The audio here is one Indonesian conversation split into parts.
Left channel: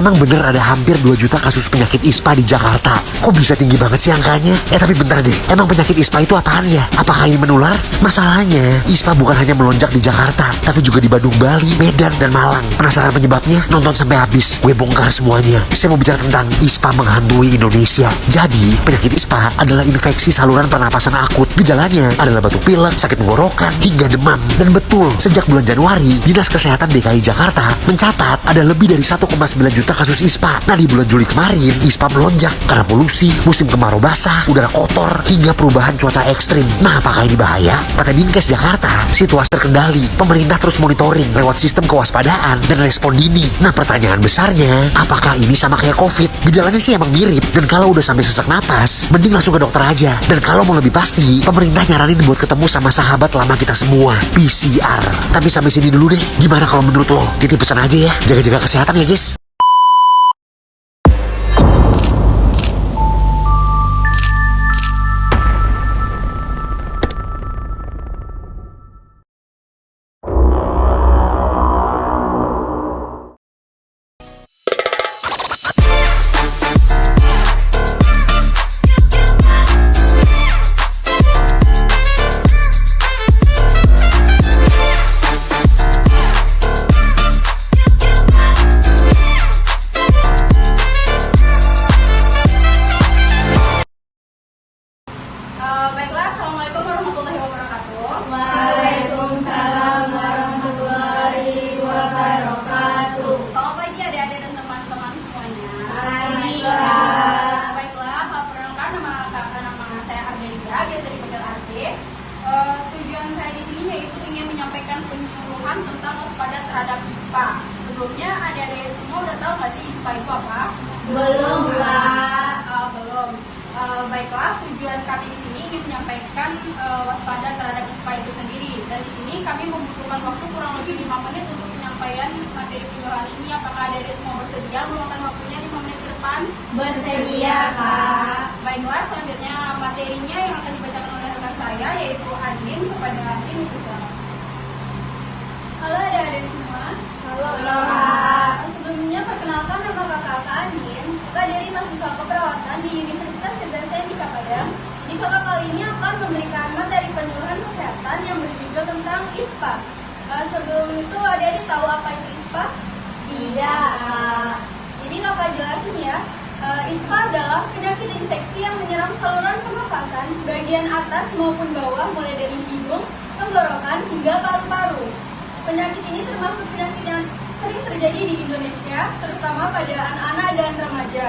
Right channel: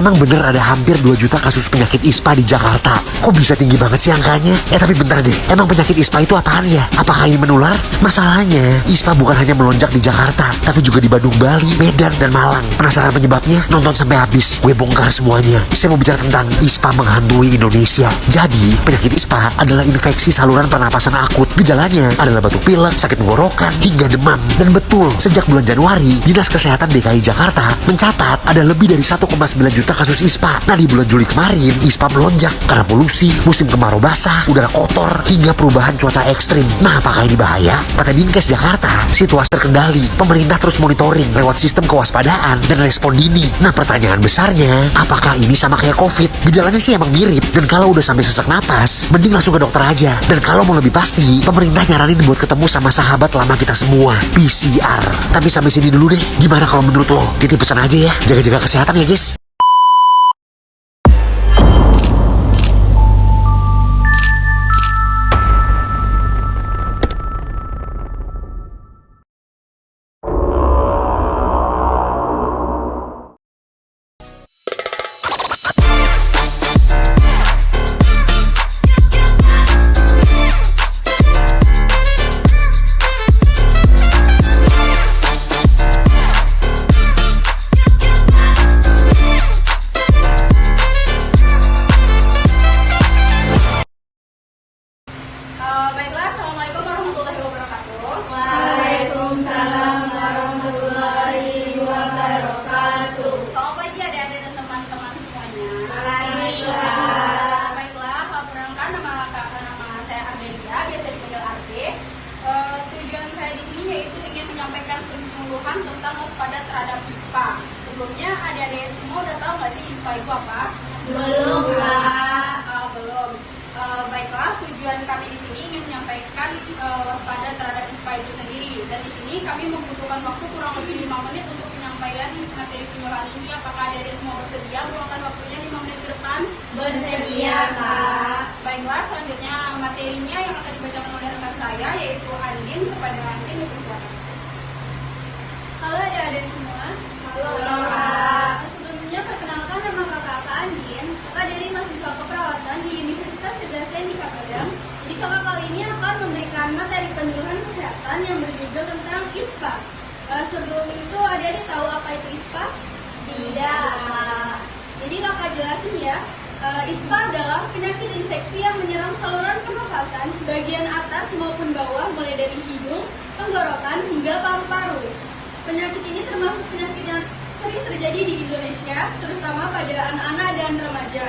emang bener ada hampir 2 juta kasus penyakit ISPA di Jakarta. Kok bisa tinggi banget sih angkanya? Tapi bentar deh, emang penyakit ISPA itu apaan ya? Apakah ini menular? Masalahnya, ISPA bukan hanya melonjak di Jakarta, tapi juga di Bandung, Bali, Medan, dan Malang. Penasaran penyebabnya? Nonton sampai habis, gue bongkar semuanya. Saya mau bicara tentang ISPA menghantui Indonesia. Jadi, penyakit ISPA adalah infeksi saluran pernapasan akut. Gejalanya adalah batuk pilek, sakit tenggorokan, hingga demam. Dan betul, sejak bulan Januari, Dinas Kesehatan DKI Jakarta mencatat ada lebih dari 1,9 juta kasus ISPA. Nah, di bulan Juli kemarin, ISPA melonjak karena polusi, musim kemarau basah, udara kotor, hingga perubahan cuaca ekstrim. Nah, apakah ini bahaya? Kata Dinkes Jakarta, situasi terkendali. Pemerintah terus monitoring lewat sistem kewaspadaan dan respon dini. Nah, pertanyaan besarnya, apakah ini sama kayak COVID? Gejalanya sih emang mirip, dan kalau udah sampai sesak napas, mending langsung ke dokter aja. Dan kalau mau lebih pasti, pemerintah nyaranin buat ketemu sama sahabat lama kita semua, PCR. Tapi sampai sini dulu deh, gimana kalau menurut lo? Titip pesan aja ya, jaga-jaga kesehatan ya guys. Baiklah, Assalamualaikum warahmatullahi wabarakatuh. Waalaikumsalam warahmatullahi wabarakatuh. Selamat pagi adik-adik dan teman-teman semuanya. Baiklah, perkenalkan nama saya Armelia, biasa dipanggil Arbe. Tujuan saya di sini yaitu ingin menyampaikan penyuluhan tentang waspada terhadap ISPA. Sebelumnya adik-adik semua udah tahu nggak sih ISPA itu apa? Belum, Kak. Belum. Baiklah, tujuan kami di sini ingin menyampaikan waspada terhadap ISPA itu sendiri. Dan di sini kami membutuhkan waktu kurang lebih 5 menit untuk penyampaian materi penyuluhan ini. Apakah adik-adik semua bersedia meluangkan waktunya 5 menit ke depan? Bersedia, Kak. Baiklah, selanjutnya materinya yang akan dibacakan oleh rekan saya yaitu Andin. Kepada Andin, dipersilakan. Halo adik-adik semua. Halo, Kak. Sebelumnya perkenalkan nama kakak Andin. Kakak dari mahasiswa keperawatan di Universitas Sedasen di Kapayang. Di kakak kali ini akan memberikan materi penyuluhan kesehatan yang berjudul tentang ISPA. Sebelum itu adik-adik tahu apa itu ISPA? Tidak. Jadi kakak jelasin ya. ISPA adalah penyakit infeksi yang menyerang saluran pernafasan bagian atas maupun bawah mulai dari hidung, tenggorokan hingga paru-paru. Penyakit ini termasuk penyakit yang sering terjadi di Indonesia, terutama pada anak-anak dan remaja.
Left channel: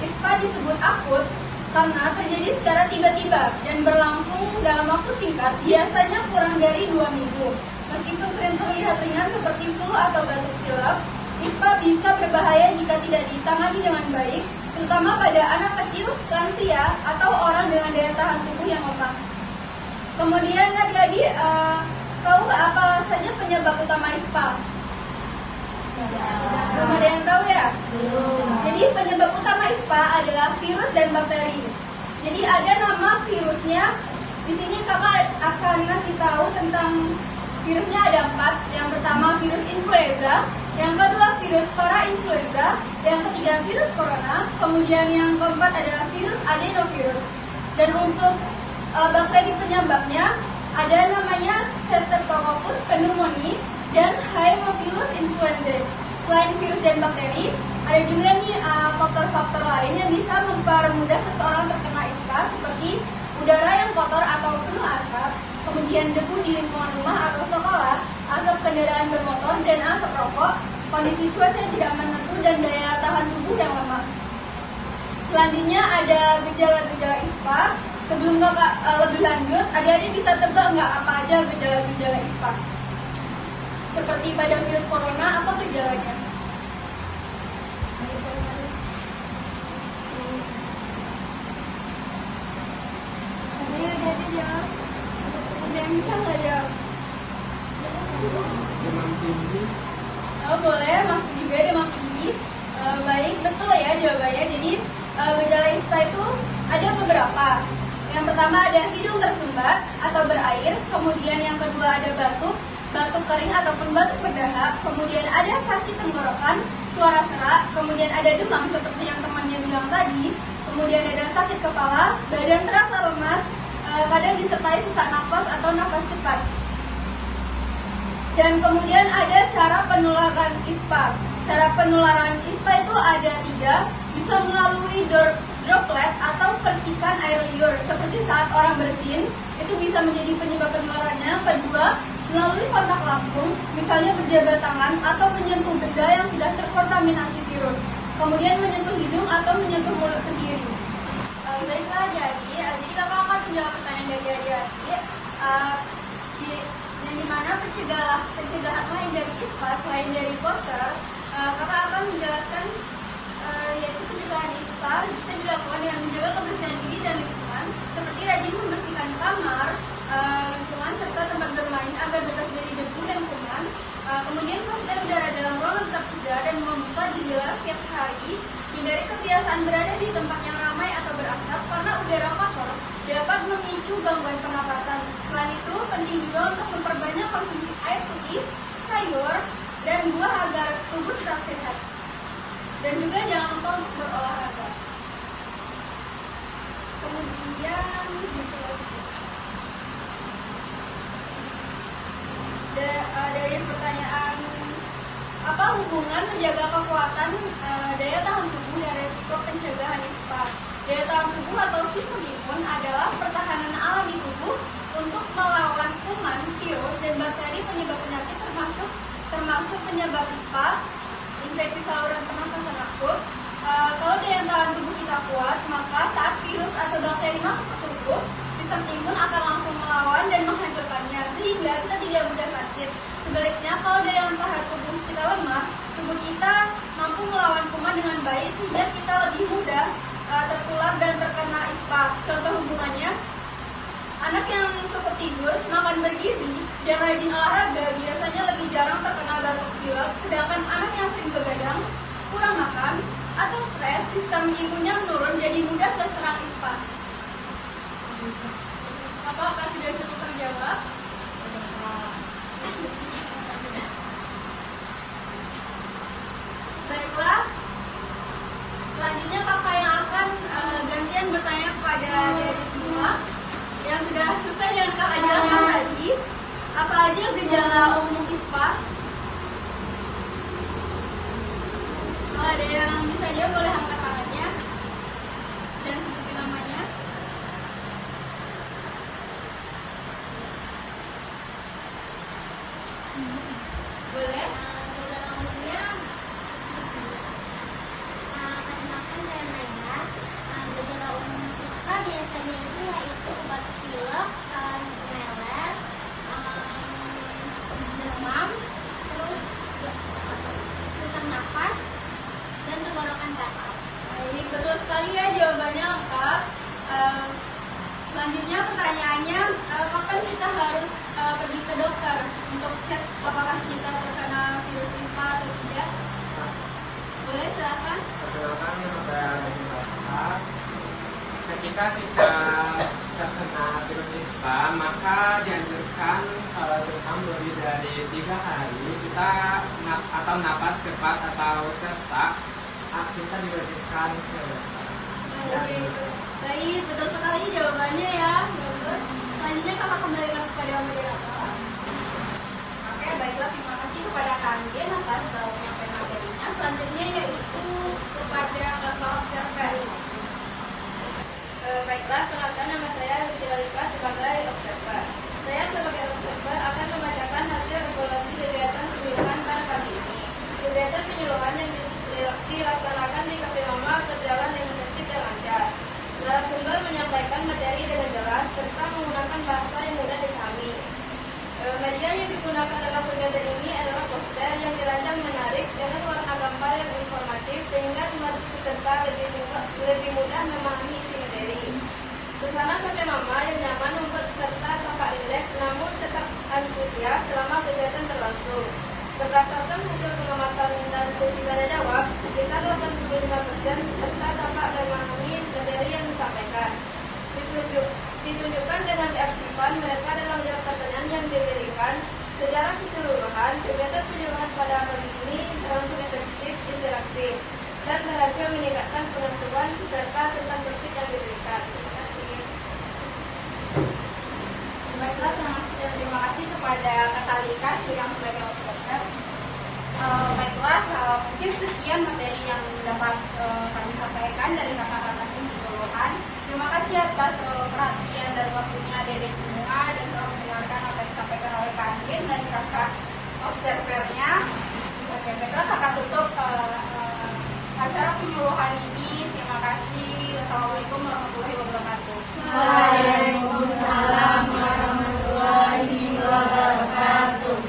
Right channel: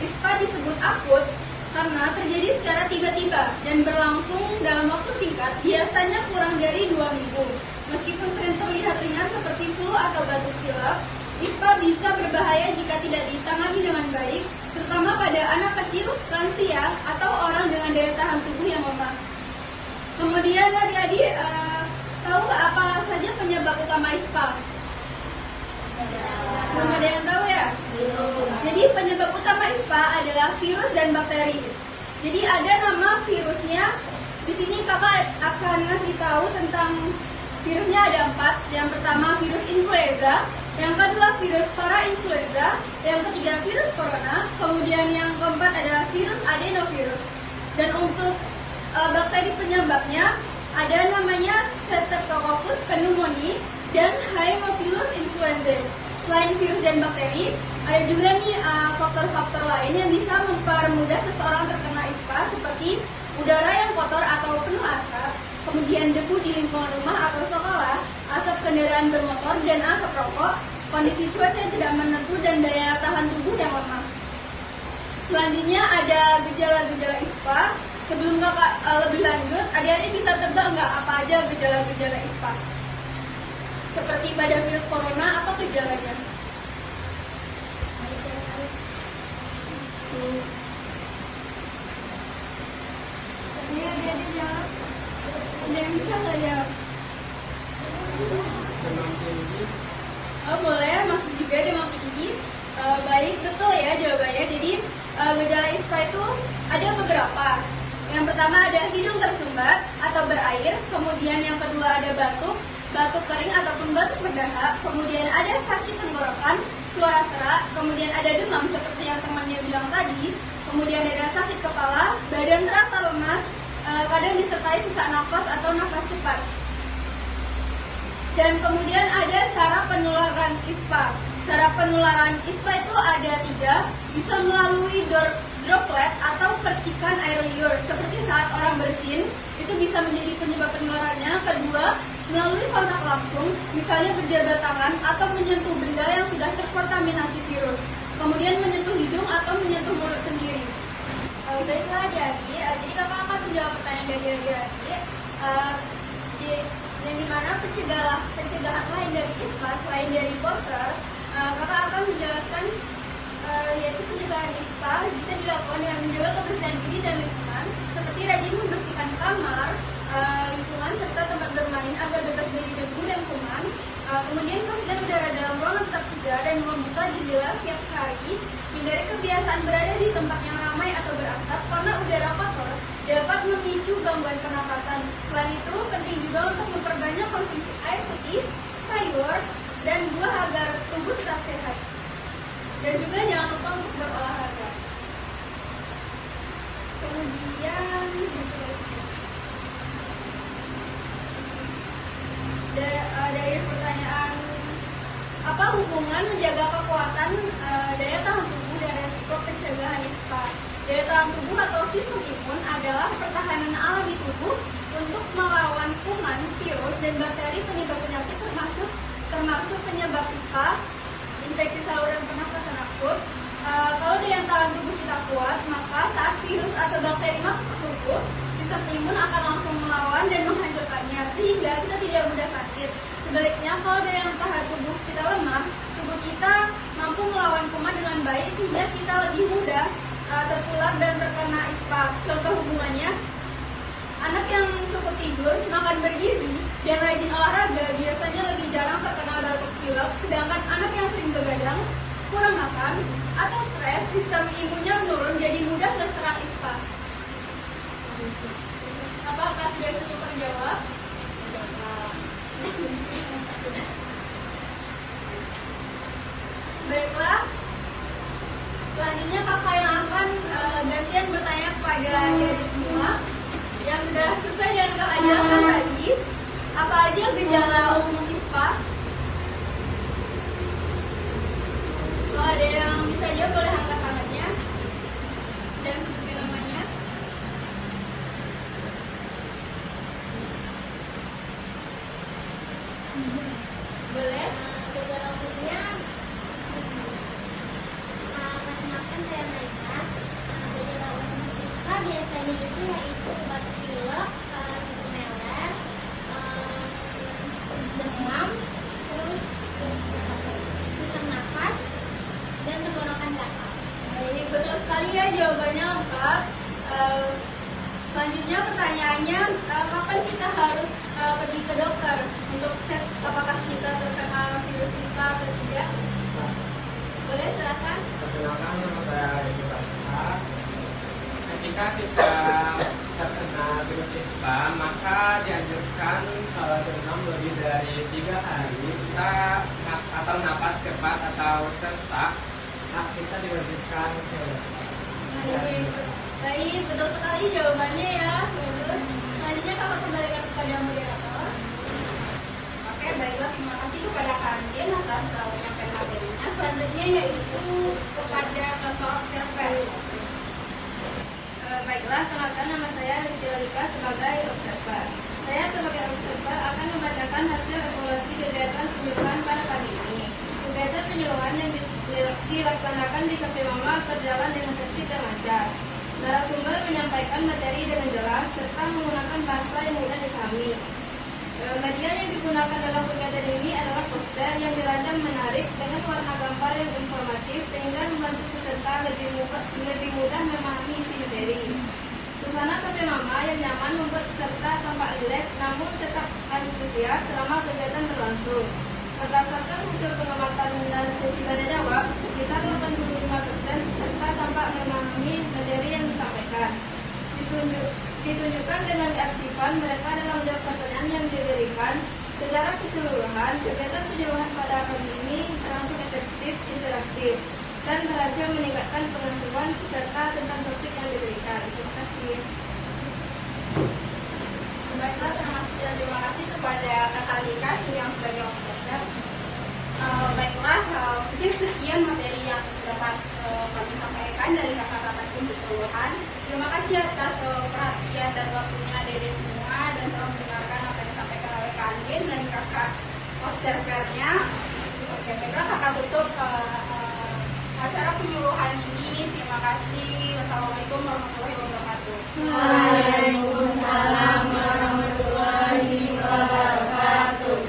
ISPA disebut akut karena terjadi secara tiba-tiba dan berlangsung dalam waktu singkat, biasanya kurang dari 2 minggu. Meskipun sering terlihat ringan seperti flu atau batuk pilek, ISPA bisa berbahaya jika tidak ditangani dengan baik, terutama pada anak kecil, lansia, atau orang dengan daya tahan tubuh yang lemah. Kemudian adik-adik tahu nggak apa saja penyebab utama ISPA? Belum ada yang tahu ya? Jadi penyebab utama ISPA adalah virus dan bakteri. Jadi ada nama virusnya. Di sini kakak akan kasih tahu tentang virusnya ada 4. Yang pertama virus influenza, yang kedua virus parainfluenza, yang ketiga virus corona, kemudian yang keempat adalah virus adenovirus. Dan untuk bakteri penyebabnya ada namanya Streptococcus pneumoniae dan Haemophilus influenzae. Selain virus dan bakteri, ada juga nih faktor-faktor lain yang bisa mempermudah seseorang terkena ISPA seperti udara yang kotor atau penuh asap, kemudian debu di lingkungan rumah atau sekolah, asap kendaraan bermotor dan asap rokok, kondisi cuaca tidak menentu dan daya tahan tubuh yang lemah. Selanjutnya ada gejala-gejala ISPA. Sebelum kakak lebih lanjut, adik-adik bisa tebak nggak apa aja gejala-gejala ISPA? Seperti pada virus corona, apa gejalanya? Nggak bisa nggak ya? Oh, boleh, masuk juga demam tinggi. Baik, betul ya jawabannya. Jadi gejala ISPA itu ada beberapa. Yang pertama ada hidung tersumbat atau berair, kemudian yang kedua ada batuk, batuk kering ataupun batuk berdahak, kemudian ada sakit tenggorokan, suara serak, kemudian ada demam seperti yang temannya bilang tadi, kemudian ada sakit kepala, badan terasa lemas, kadang disertai sesak nafas atau nafas cepat. Dan kemudian ada cara penularan ISPA. Cara penularan ISPA itu ada 3, bisa melalui droplet atau percikan air liur seperti saat orang bersin, itu bisa menjadi penyebab penularannya. Kedua, melalui kontak langsung, misalnya berjabat tangan atau menyentuh benda yang sudah terkontaminasi virus, kemudian menyentuh hidung atau menyentuh mulut sendiri. Baiklah adik-adik, jadi kakak akan menjawab pertanyaan dari adik-adik, yang dimana pencegahan lain dari ISPA selain dari poster, kakak akan menjelaskan yaitu pencegahan ISPA bisa dilakukan dengan menjaga kebersihan diri dan lingkungan, seperti rajin membersihkan kamar, lingkungan serta tempat bermain agar bebas dari debu dan kuman. Kemudian pastikan udara dalam ruangan tetap segar dan membuka jendela setiap hari. Hindari kebiasaan berada di tempat yang ramai atau berasap karena udara kotor dapat memicu gangguan pernapasan. Selain itu, penting juga untuk memperbanyak konsumsi air putih, sayur, dan buah agar tubuh tetap sehat. Dan juga jangan lupa untuk berolahraga. Kemudian dari pertanyaan apa hubungan menjaga kekuatan daya tahan tubuh dan resiko pencegahan ISPA? Daya tahan tubuh atau sistem imun adalah pertahanan alami tubuh untuk melawan kuman, virus, dan bakteri penyebab penyakit termasuk penyebab ISPA, infeksi saluran pernafasan akut. Kalau daya tahan tubuh kita kuat, maka saat virus atau bakteri masuk ke tubuh, sistem imun akan langsung melawan dan menghancurkannya, sehingga kita tidak mudah sakit. Sebaliknya, kalau daya tahan tubuh kita lemah, tubuh kita mampu melawan kuman dengan baik, sehingga kita lebih mudah tertular dan terkena ISPA. Contoh hubungannya, anak yang cukup tidur, makan bergizi, dan rajin olahraga biasanya lebih jarang terkena batuk pilek, sedangkan anak yang sering begadang, kurang makan, atau stres, sistem imunnya menurun jadi mudah terserang ISPA. Apakah sudah cukup terjawab? Baiklah, selanjutnya kakak yang akan gantian bertanya kepada adik semua yang sudah selesai dan kakak jelaskan tadi. Apa aja gejala umum ISPA? Kalau ada yang bisa jawab boleh angkat tangannya dan sebutin namanya. Boleh? Gejala umumnya gejala umum ISPA biasanya itu yaitu batuk pilek, meler, demam, terus sesak nafas, dan tenggorokan gatal. Baik, betul sekali ya jawabannya lengkap. Selanjutnya pertanyaannya, kapan kita harus pergi ke dokter untuk cek apakah kita terkena virus ISPA atau tidak? Boleh, silakan. Perkenalkan, nama saya Dini Pramuka. Ketika kita terkena virus ISPA, maka dianjurkan kalau demam lebih dari 3 hari kita atau napas cepat atau sesak, kita diwajibkan ke dokter. Baik, betul sekali jawabannya ya. Bagus. Selanjutnya kakak kembalikan kepada moderator. Oke, baiklah, terima kasih kepada kalian atas penyampaian materinya. Selanjutnya yaitu kepada kakak observer. Baiklah, kenalkan nama saya Rizalika sebagai observer. Saya sebagai observer akan membacakan hasil evaluasi kegiatan penyuluhan pada pagi ini. Kegiatan penyuluhan yang dilaksanakan di Cafe Mama berjalan dengan tertib dan lancar. Narasumber menyampaikan materi dengan jelas serta menggunakan bahasa yang mudah dipahami. Media yang digunakan dalam kegiatan ini adalah poster yang dirancang menarik dengan warna gambar yang informatif sehingga membantu peserta lebih mudah memahami isi materi. Suasana Cafe Mama yang nyaman membuat peserta tampak rileks namun tetap antusias selama kegiatan berlangsung. Berdasarkan hasil pengamatan dan sesi tanya jawab, sekitar 85% peserta tampak memahami materi yang disampaikan. Ditunjukkan dengan keaktifan mereka dalam menjawab pertanyaan yang diberikan, Secara keseluruhan, kegiatan penjualan pada hari ini termasuk efektif, interaktif, dan berhasil meningkatkan pengetahuan peserta tentang topik yang diberikan. Terima kasih. Baiklah, terima kasih kepada Kakak Lika yang sebagai operator. Baiklah, mungkin sekian materi yang dapat kami sampaikan dari kakak-kakak psikologan. Terima kasih atas perhatian dan waktunya dari semua dan telah mendengarkan apa yang disampaikan oleh Kak Andin dan kakak observernya. Oke, baiklah kakak tutup acara penyuluhan ini. Terima kasih. Wassalamualaikum warahmatullahi wabarakatuh. Waalaikumsalam warahmatullahi wabarakatuh.